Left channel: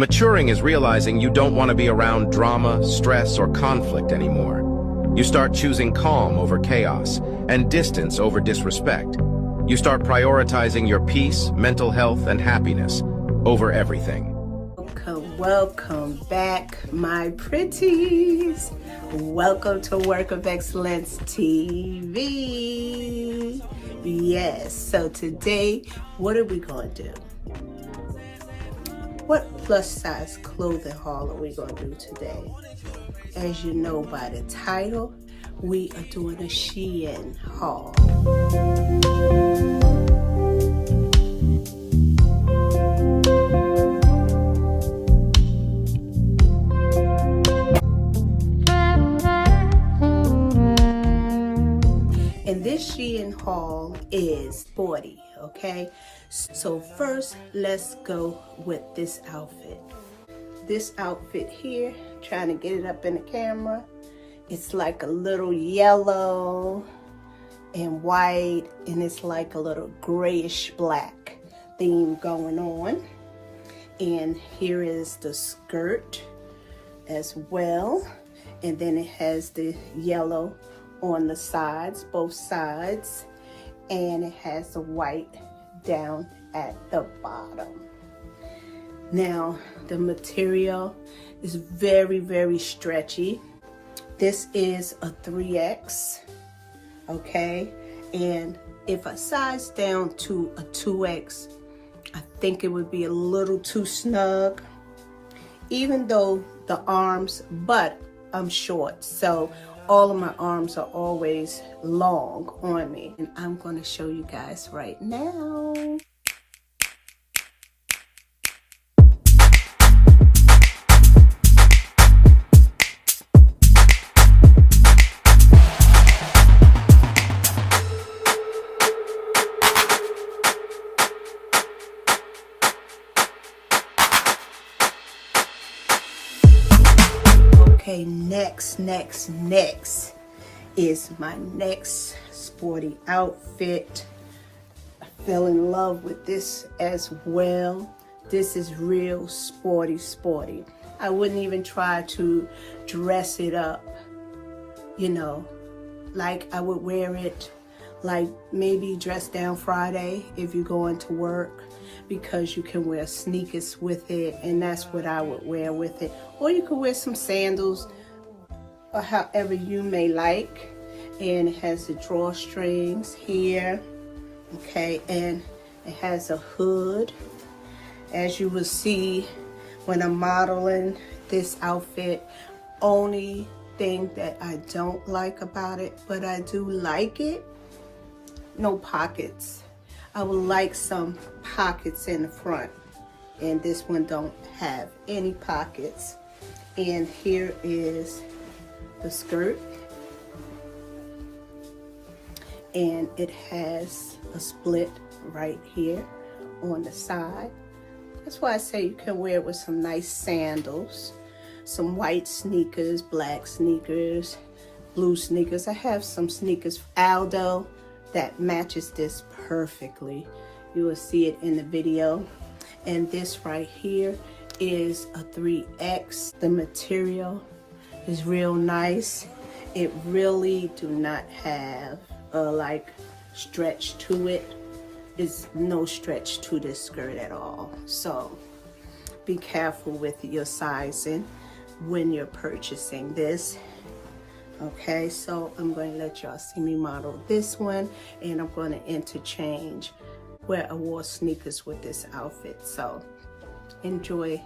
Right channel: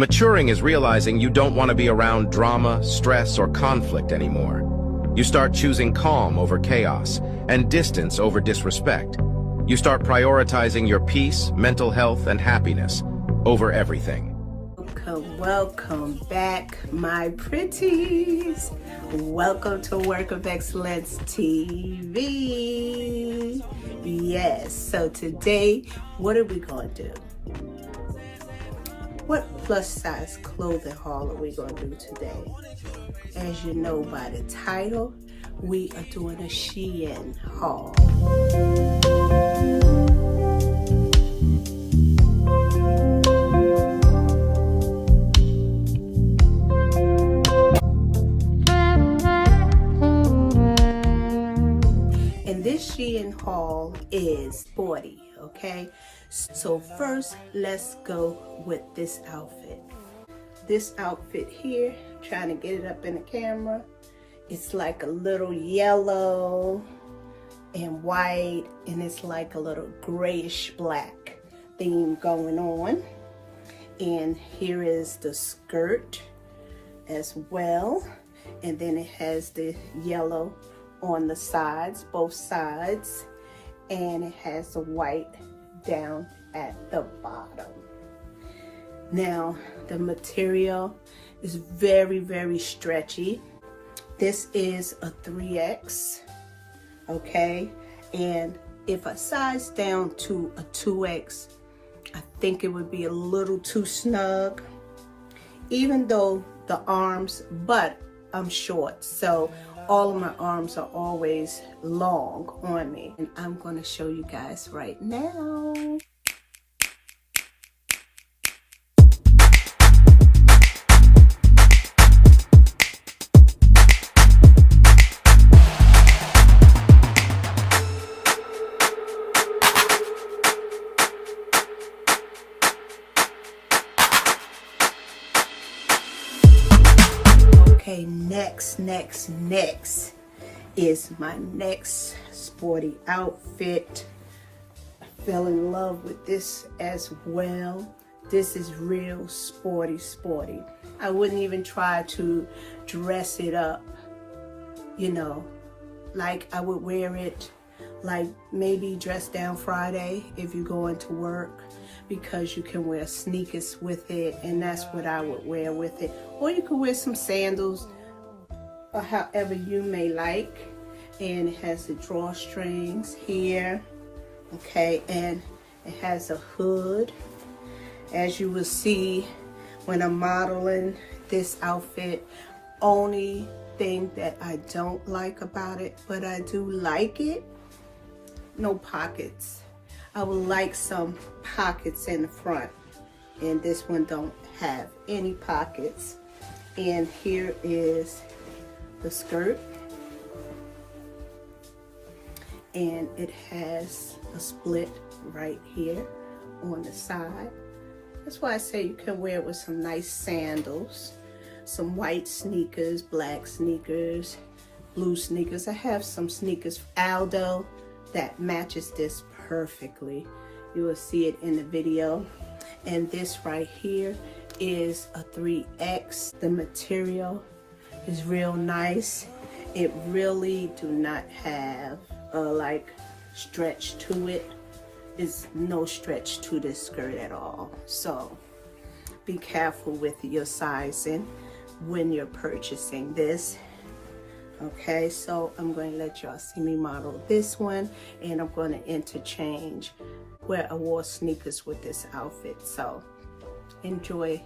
Maturing is realizing you don't want to be around drama, stress, or conflict anymore. You start choosing calm over chaos and distance over disrespect. You start prioritizing your peace, mental health, and happiness over everything. Welcome back, my pretties. Welcome to Work of Excellence TV. Yes, so today, what are we going to do? What plus size clothing haul are we going to do today? As you know by the title, we are doing a Shein haul. And this Shein haul is Sporty, okay? So first, let's go with this outfit. This outfit here, trying to get it up in the camera. It's like a little yellow and white, and it's like a little grayish black theme going on. And here is the skirt as well. And then it has the yellow on the sides, both sides. And it has the white down at the bottom. Now, the material is very, very stretchy. This is a 3X, okay? And if I size down to a 2X, I think it would be a little too snug, even though the arms, but I'm short, so all of my arms are always long on me. And I'm gonna show you guys right now. Okay, next is my next sporty outfit. I fell in love with this as well. This is real sporty. I wouldn't even try to dress it up, you know, like I would wear it like maybe dress down Friday if you're going to work, because you can wear sneakers with it, and that's what I would wear with it. Or you could wear some sandals, or however you may like. And it has the drawstrings here, okay, and it has a hood. As you will see when I'm modeling this outfit, only thing that I don't like about it, but I do like it, no pockets. I would like some pockets in the front, and this one don't have any pockets. And here is the skirt, and it has a split right here on the side. That's why I say you can wear it with some nice sandals, some white sneakers, black sneakers, blue sneakers. I have some sneakers, Aldo, that matches this perfectly. You will see it in the video. And this right here is a 3X. The material is real nice. It really do not have like stretch to it. It's no stretch to this skirt at all. So be careful with your sizing when you're purchasing this. Okay, so I'm going to let y'all see me model this one, and I'm going to interchange where I wore sneakers with this outfit. So enjoy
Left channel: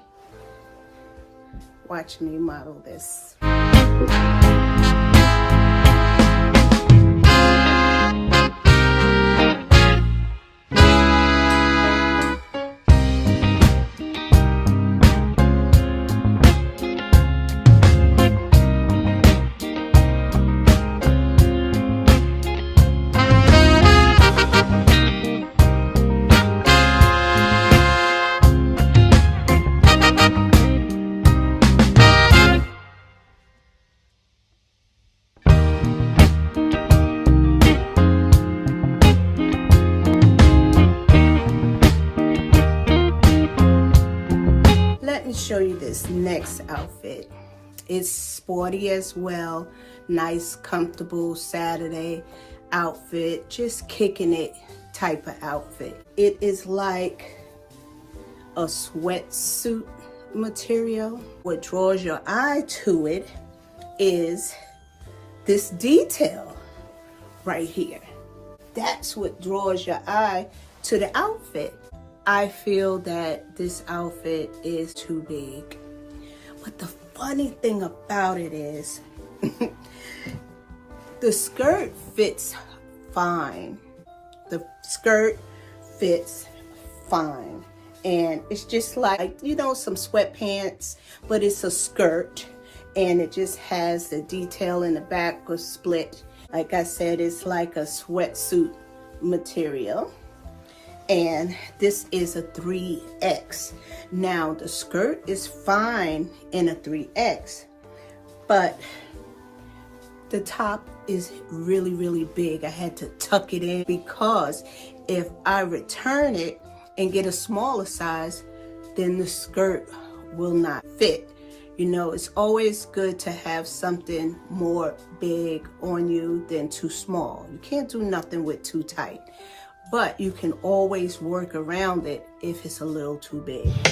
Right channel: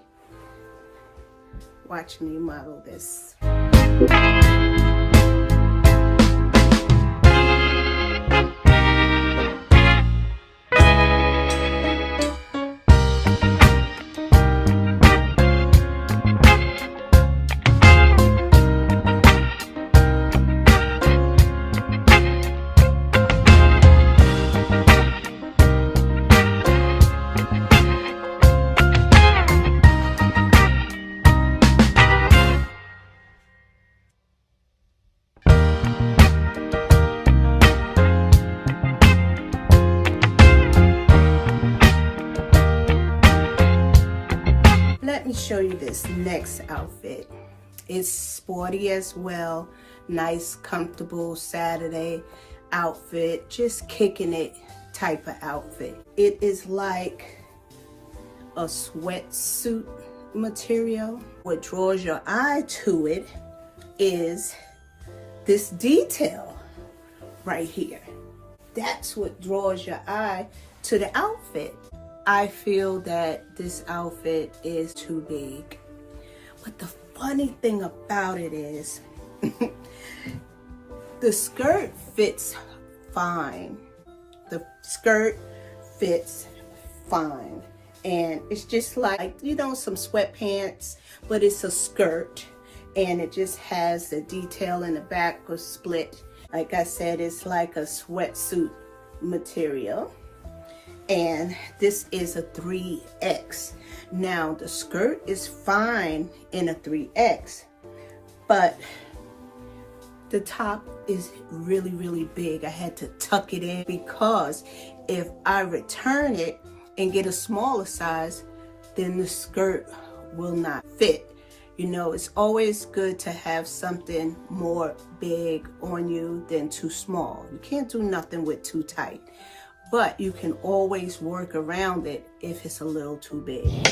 watching me model this. let me show you this next outfit. It's sporty as well. Nice, comfortable Saturday outfit. Just kicking it type of outfit. It is like a sweatsuit material. What draws your eye to it is this detail right here. That's what draws your eye to the outfit. I feel that this outfit is too big. But the funny thing about it is the skirt fits fine. The skirt fits fine. And it's just like, you know, some sweatpants, but it's a skirt. And it just has the detail in the back or split. Like I said, it's like a sweatsuit material. And this is a 3X. Now the skirt is fine in a 3X, but the top is really, really big. I had to tuck it in because if I return it and get a smaller size, then the skirt will not fit. You know, it's always good to have something more big on you than too small. You can't do nothing with too tight, but you can always work around it if it's a little too big.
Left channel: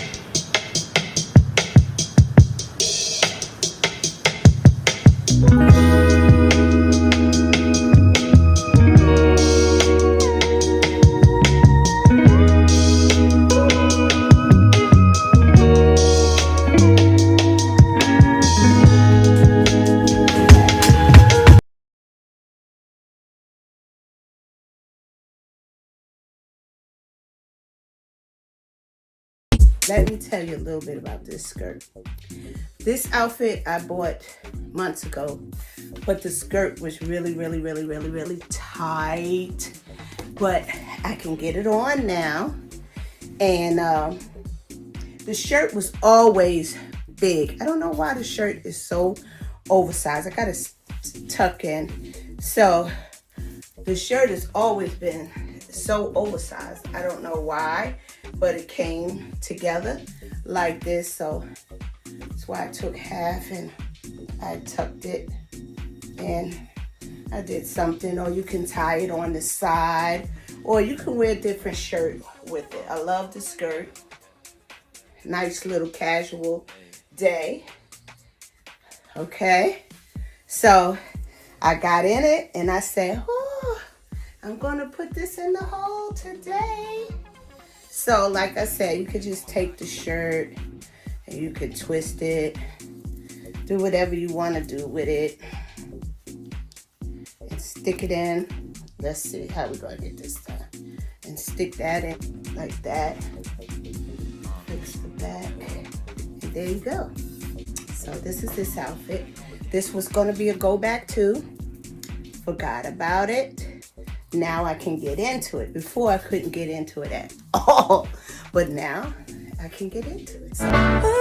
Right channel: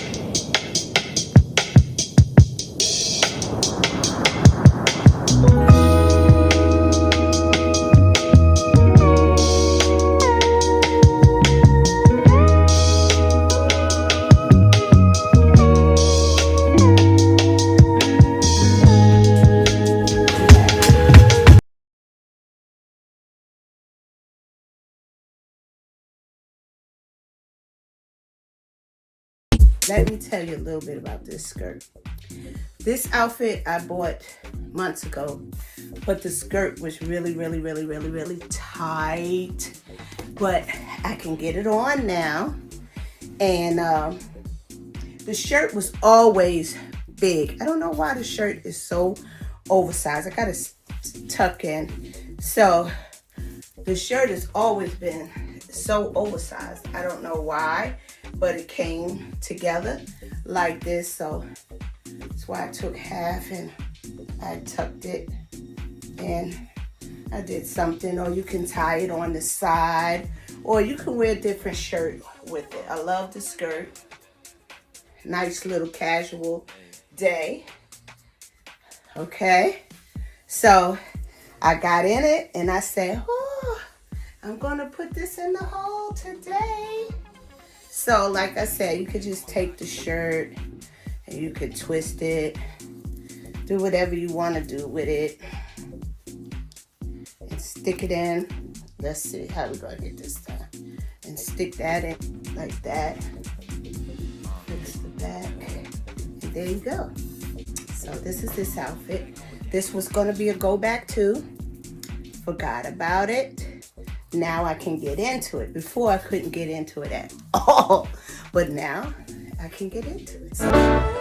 Let me tell you a little bit about this skirt. This outfit I bought months ago, but the skirt was really, really, really, really, really tight. But I can get it on now. And the shirt was always big. I don't know why the shirt is so oversized. I gotta tuck in. So the shirt has always been so oversized. I don't know why, but it came together like this. So that's why I took half and I tucked it and I did something. Or you can tie it on the side, or you can wear a different shirt with it. I love the skirt. Nice little casual day. Okay, so I got in it and I said, oh, I'm gonna put this in the haul today. So like I said, you could just take the shirt and you could twist it, do whatever you want to do with it, and stick it in. Let's see how we're gonna get this done. And stick that in like that. Fix the back, and there you go. So this is this outfit. This was gonna be a go back too. Forgot about it. Now I can get into it. Before I couldn't get into it at all, but now I can get into it. So.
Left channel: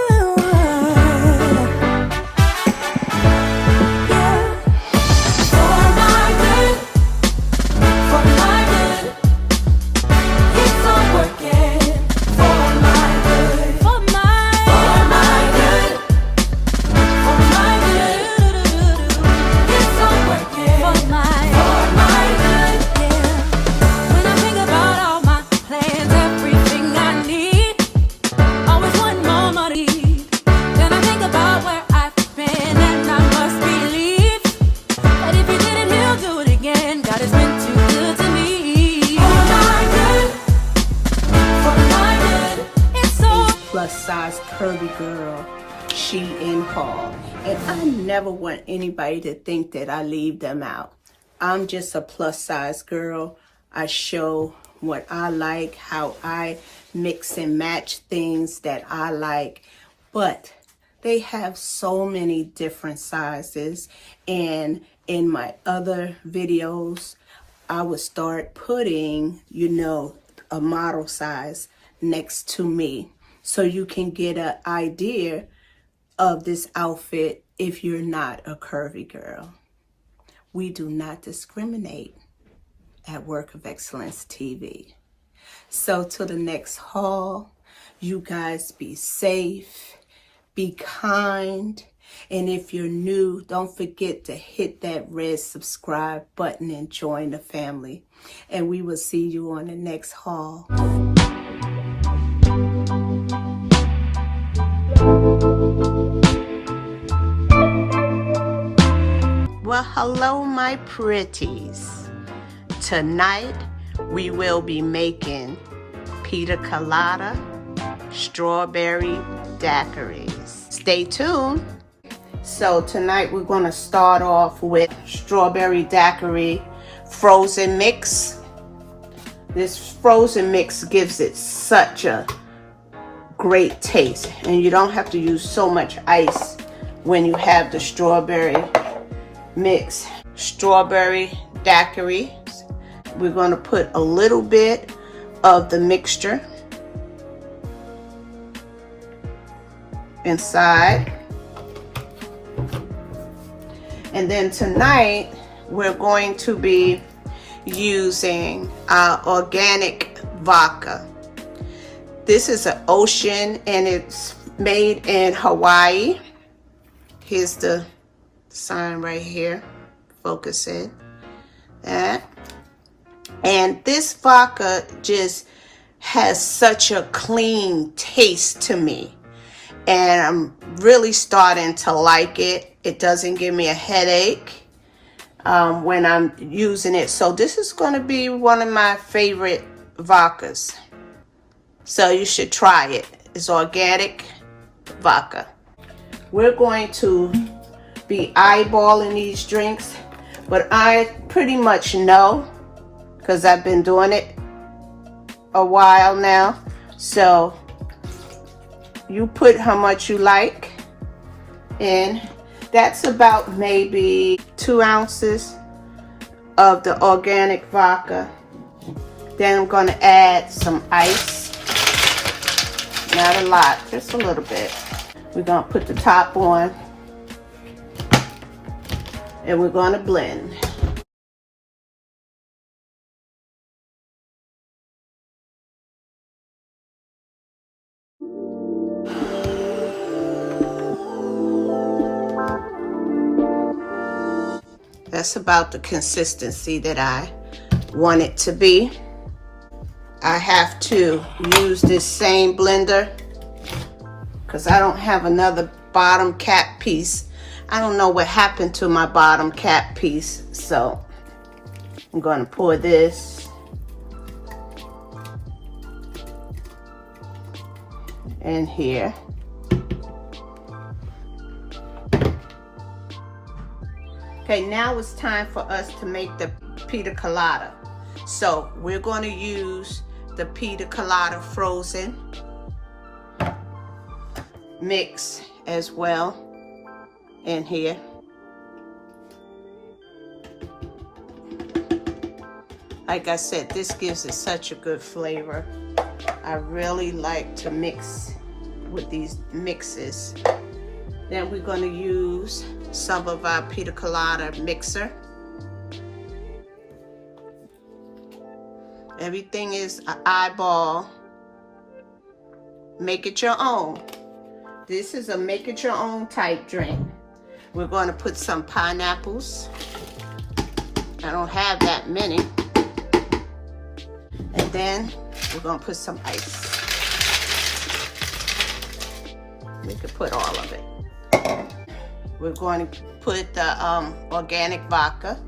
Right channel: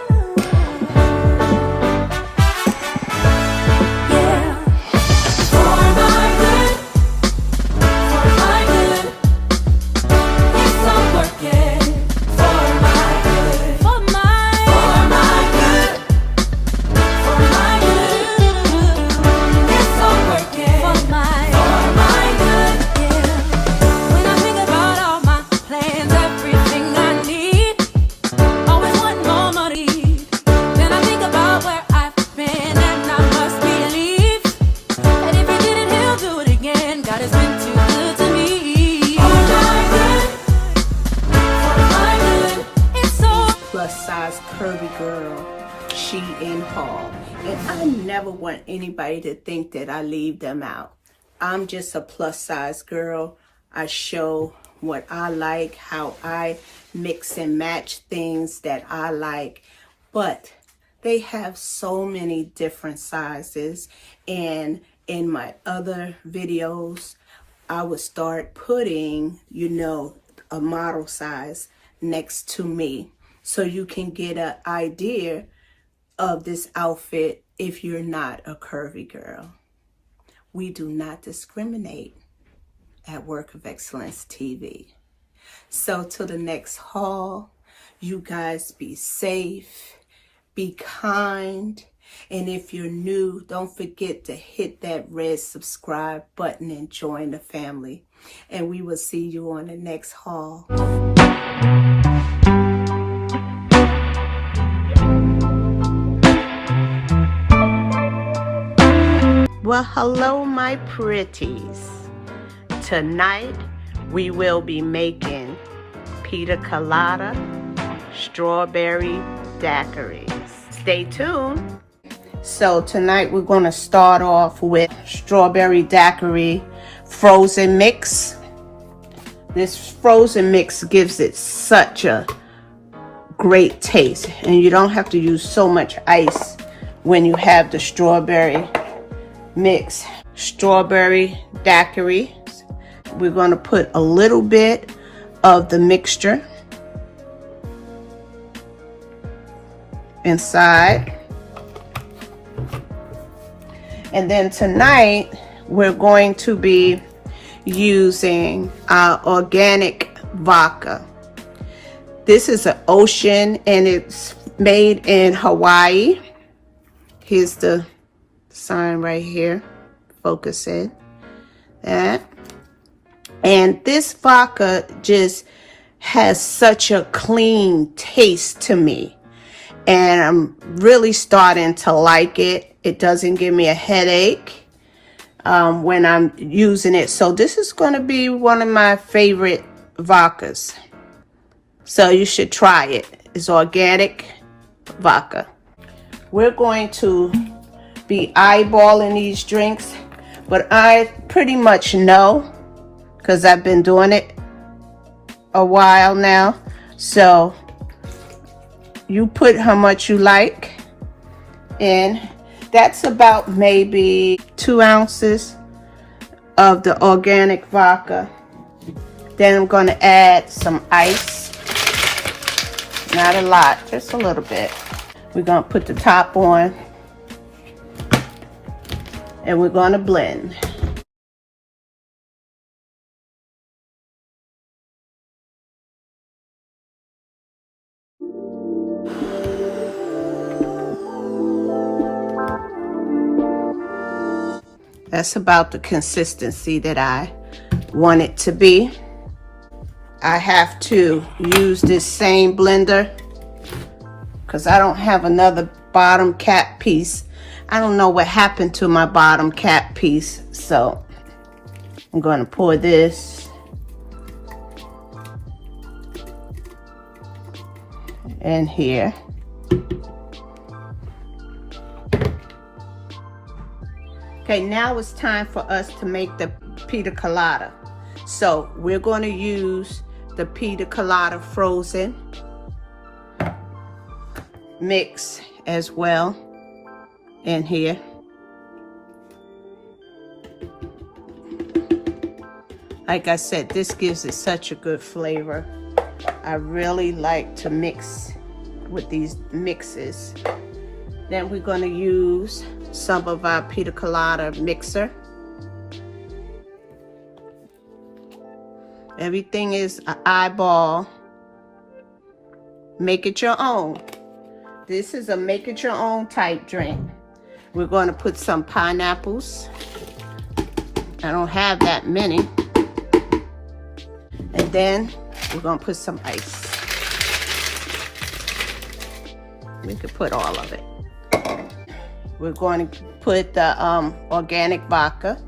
Plus size curvy girl, Shein haul. And I never want anybody to think that I leave them out. I'm just a plus size girl. I show what I like, how I mix and match things that I like. But they have so many different sizes. And in my other videos, I would start putting, you know, a model size next to me, so you can get an idea of this outfit if you're not a curvy girl. We do not discriminate at Work of Excellence TV. So till the next haul, you guys be safe, be kind. And if you're new, don't forget to hit that red subscribe button and join the family. And we will see you on the next haul. Well, hello, my pretties. Tonight, we will be making Pina Colada Strawberry Daiquiris. Stay tuned. So tonight, we're going to start off with Strawberry Daiquiri frozen mix. This frozen mix gives it such a great taste, and you don't have to use so much ice when you have the strawberry mix. Strawberry daiquiri. We're going to put a little bit of the mixture inside. And then tonight we're going to be using our organic vodka. This is an ocean and it's made in Hawaii. Here's the sign right here. Focus in. That. And this vodka just has such a clean taste to me. And I'm really starting to like it. It doesn't give me a headache when I'm using it. So this is going to be one of my favorite vodkas. So you should try it. It's organic vodka. We're going to be eyeballing these drinks, but I pretty much know because I've been doing it a while now. So you put how much you like in. That's about maybe 2 ounces of the organic vodka. Then I'm going to add some ice. Not a lot, just a little bit. We're going to put the top on and we're going to blend. That's about the consistency that I want it to be. I have to use this same blender because I don't have another bottom cap piece. I don't know what happened to my bottom cap piece, so I'm going to pour this in here. Okay, now it's time for us to make the Pina Colada. So we're going to use the Pina Colada frozen mix as well in here. Like I said, this gives it such a good flavor. I really like to mix with these mixes. Then we're going to use some of our Pina Colada mixer. Everything is an eyeball. Make it your own. This is a make it your own type drink. We're going to put some pineapples. I don't have that many. And then we're going to put some ice. We could put all of it. We're going to put the organic vodka.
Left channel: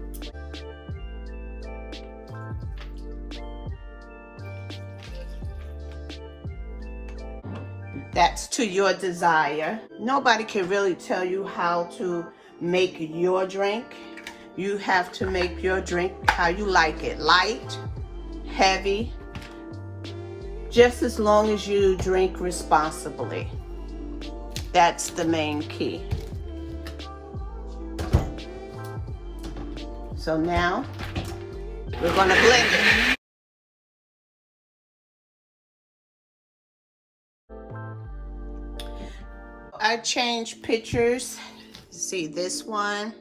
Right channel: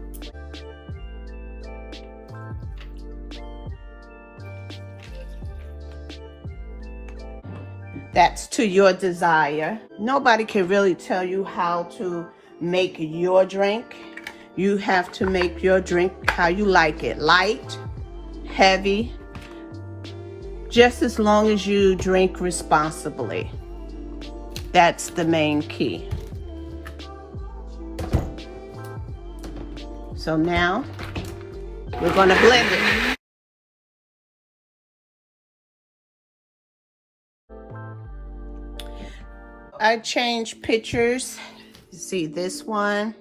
That's to your desire. Nobody can really tell you how to make your drink. You have to make your drink how you like it. Light, heavy, just as long as you drink responsibly. That's the main key. So now we're going to blend it. I changed pictures. See this one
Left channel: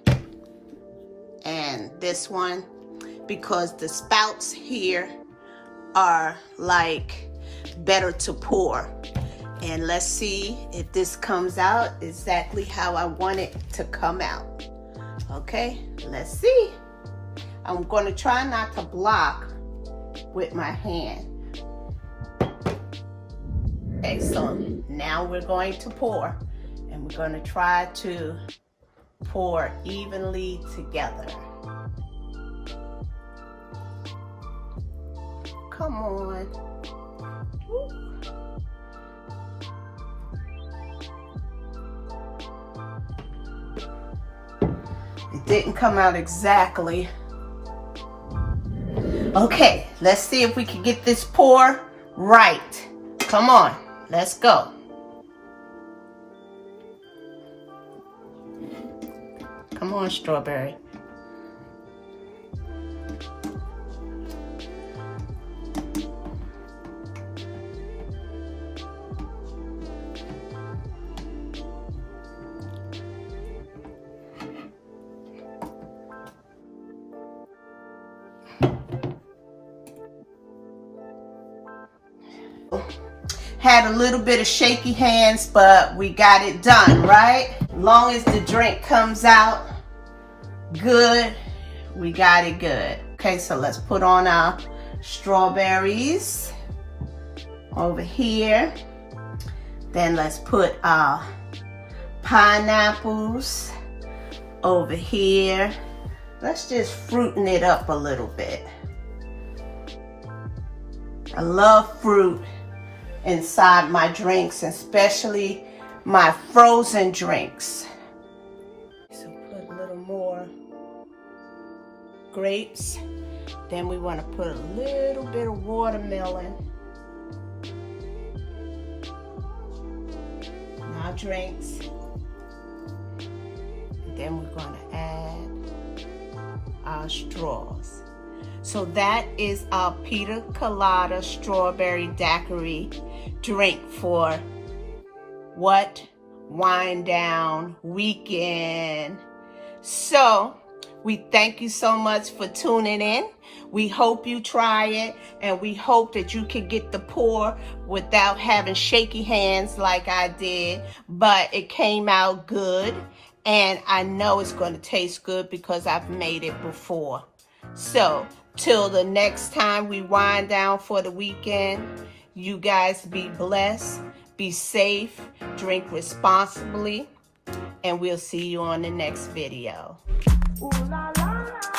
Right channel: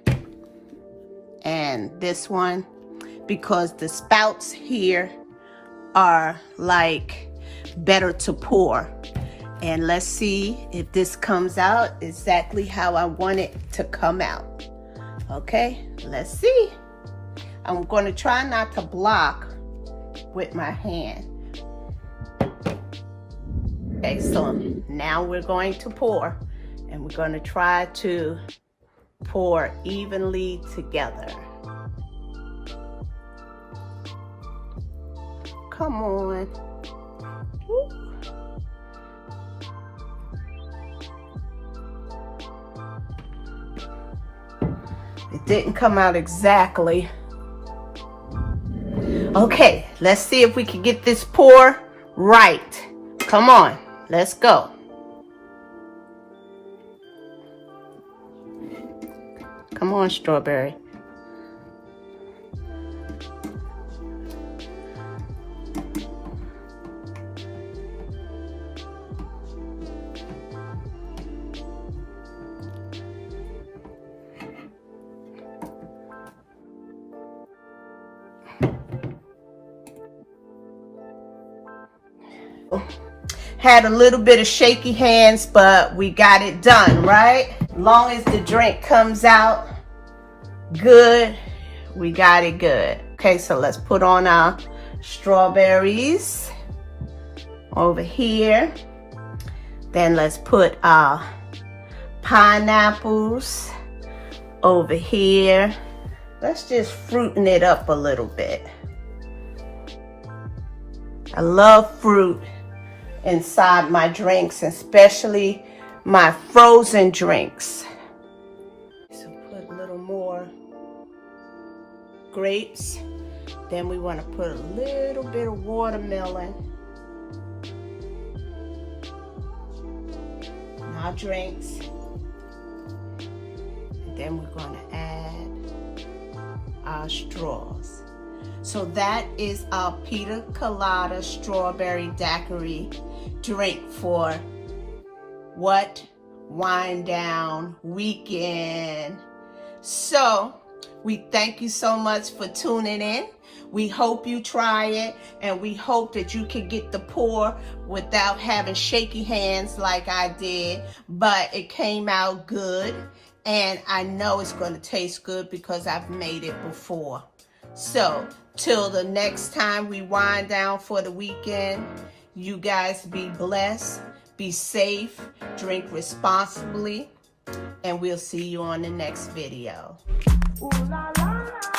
and this one because the spouts here are like better to pour. And let's see if this comes out exactly how I want it to come out. Okay, let's see. I'm going to try not to block with my hand. Okay, so now we're going to pour, and we're going to try to pour evenly together. Come on. Woo. It didn't come out exactly. Okay, let's see if we can get this pour right. Come on, let's go. Come on, Strawberry. Had a little bit of shaky hands, but we got it done, right? Long as the drink comes out good, we got it good. Okay, so let's put on our strawberries over here. Then let's put our pineapples over here. Let's just fruitin' it up a little bit. I love fruit inside my drinks, especially my frozen drinks. So put a little more grapes. Then we want to put a little bit of watermelon in our drinks. And then we're going to add our straws. So that is our Pina Colada Strawberry Daiquiri drink for what? Wind down weekend. So we thank you so much for tuning in. We hope you try it, and we hope that you can get the pour without having shaky hands like I did, but it came out good, and I know it's going to taste good because I've made it before. So till the next time we wind down for the weekend, you guys be blessed, be safe, drink responsibly, and we'll see you on the next video. Ooh, la, la, la.